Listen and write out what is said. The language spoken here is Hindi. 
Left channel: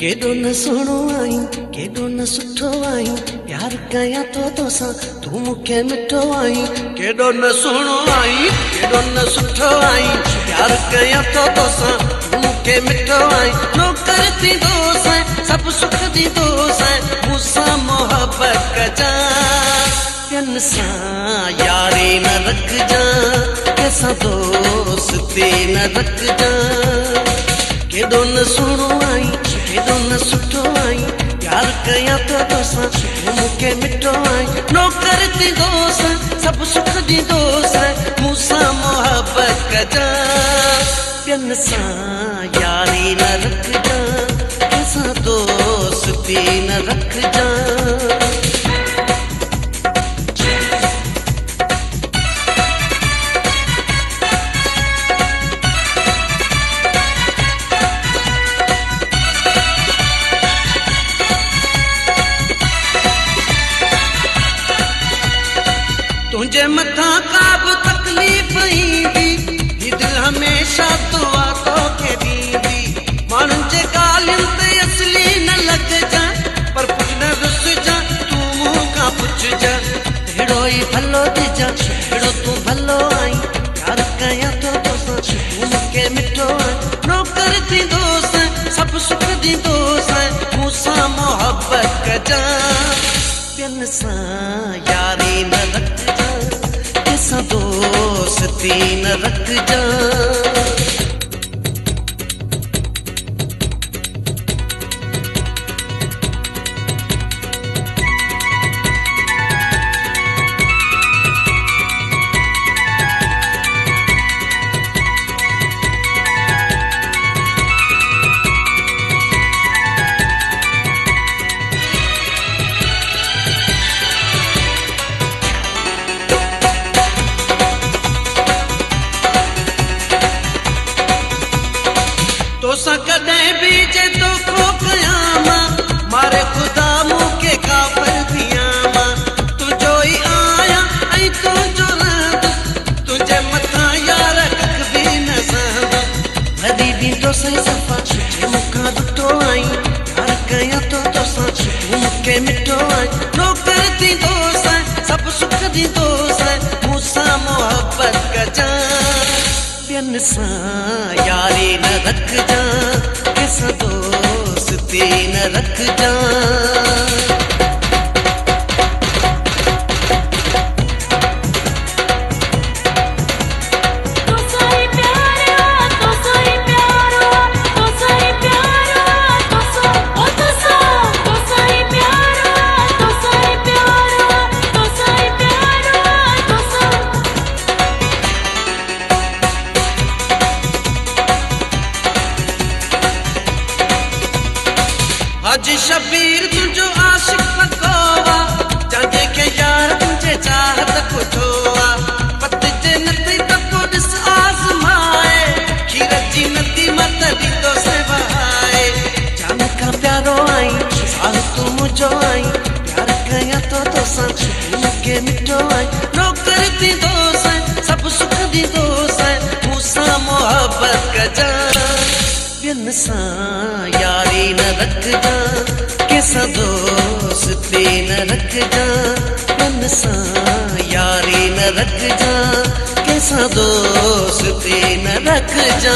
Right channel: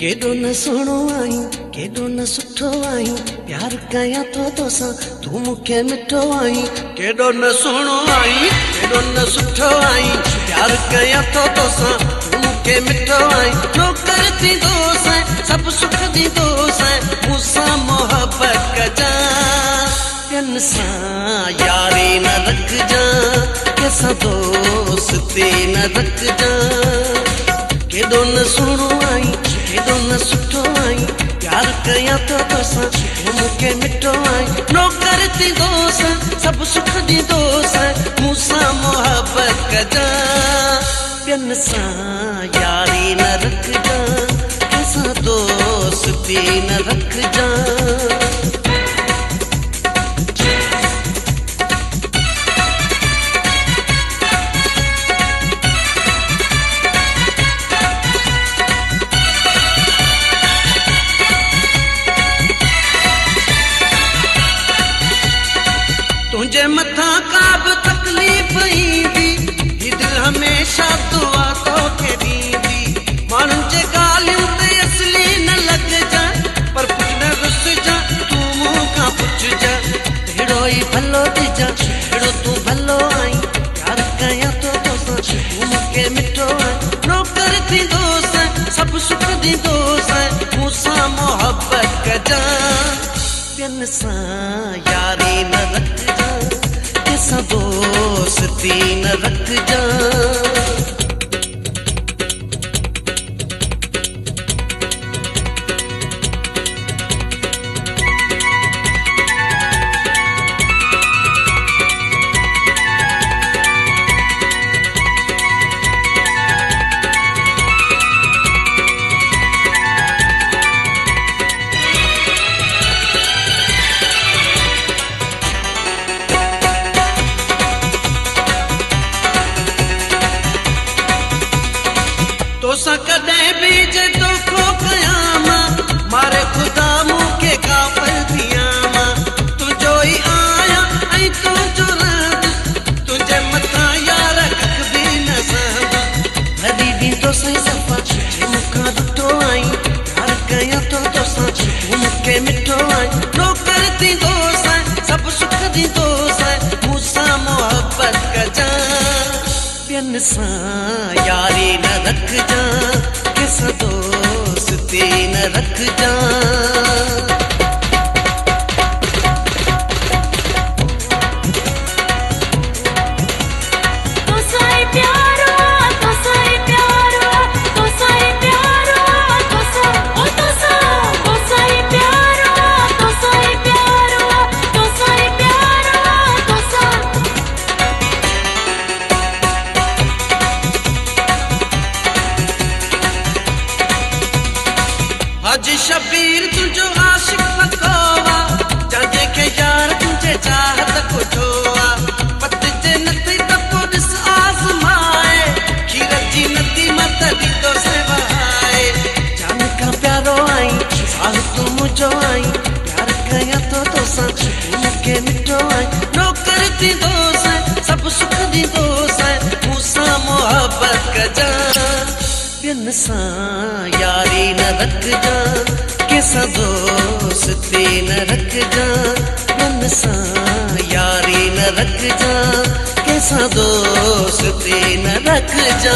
केॾो न सुहिणो आहीं, केॾो न सुठो आहीं, प्यार कयां तो तोसां तूं मूंखे मिठो आहीं। केॾो न सुहिणो आहीं, केॾो न सुठो आहीं, प्यार कयां तो तोसां तूं मूंखे मिठो आहीं। नौकर थींदोसि सभु सुख ॾींदोसि, मूंसां मोहबत कजां, ॿियनि सां यारी न रखजां, कंहिंसां दोस्ती न रखजां। केॾो न सुहिणो आहीं, केॾो न सुठो आहीं, प्यार कयां तो तोसां तूं मूंखे मिठो आहीं। नौकर थींदोसि सभु सुख ॾींदोसि, मूंसां मोहबत कजां, ॿियनि सां यारी न रखजां, कंहिंसां दोस्ती न रखजां। तुंहिंजे मथां का बि तकलीफ़ ईंदी, दिलि हमेशह दुआ तोखे ॾींदी। माण्हुनि जे ॻाल्हियुनि ते असली न लॻजां, पर कुझु न रुसजां, तूं मूंखां पुछजां, अहिड़ो ई भलो ॾिजां अहिड़ो तूं भलो आहीं। प्यार कयां तो तोसां तूं मूंखे मिठो आहीं। नौकर थींदोसि सभु सुख ॾींदोसि, मूंसां मोहबत कजां, ॿियनि सां यारी न रखजां, कंहिंसां दोस्ती न रखजां। तोसां कॾहिं बि जे धोखो कयां मां, मारे ख़ुदा मूंखे काफ़र थियां मां। तुंहिंजो ई आहियां ऐं तुंहिंजो रहंदुसि, तुंहिंजे मथां यार हिकु बि न सहंदुसि। भली ॾींदोसि सफ़ा तूं मूंखां ॾुठो आहीं, प्यार कयां तो तोसां तूं मूंखे मिठो आहीं। नौकर थींदोसि सभु सुख ॾींदोसि, मूंसां मोहबत कजां, ॿियनि सां यारी न रखजां, कंहिंसां दोस्ती न रखजां। हाजी शबीर तुंहिंजो आशिक़ पको आहे, चङे खे यार तुंहिंजे चाहत पुछो आहे। पति जे नथी पको ॾिस आज़माए, जीरत जी नथी मत ॾींदोसि वहाए। जान खां प्यारो आहीं, साल तूं मुंहिंजो आहीं, प्यार कयां तो तोसां तूं मूंखे मिठो आहीं। नौकर थींदोसि सभु सुख ॾींदोसि, मूंसां मोहबत कजां, ॿियनि सां यारी न रखजां, कंहिंसां दोस्ती न रखजां। ॿियनि सां यारी न रखजां, कंहिंसां दोस्ती न रखजां।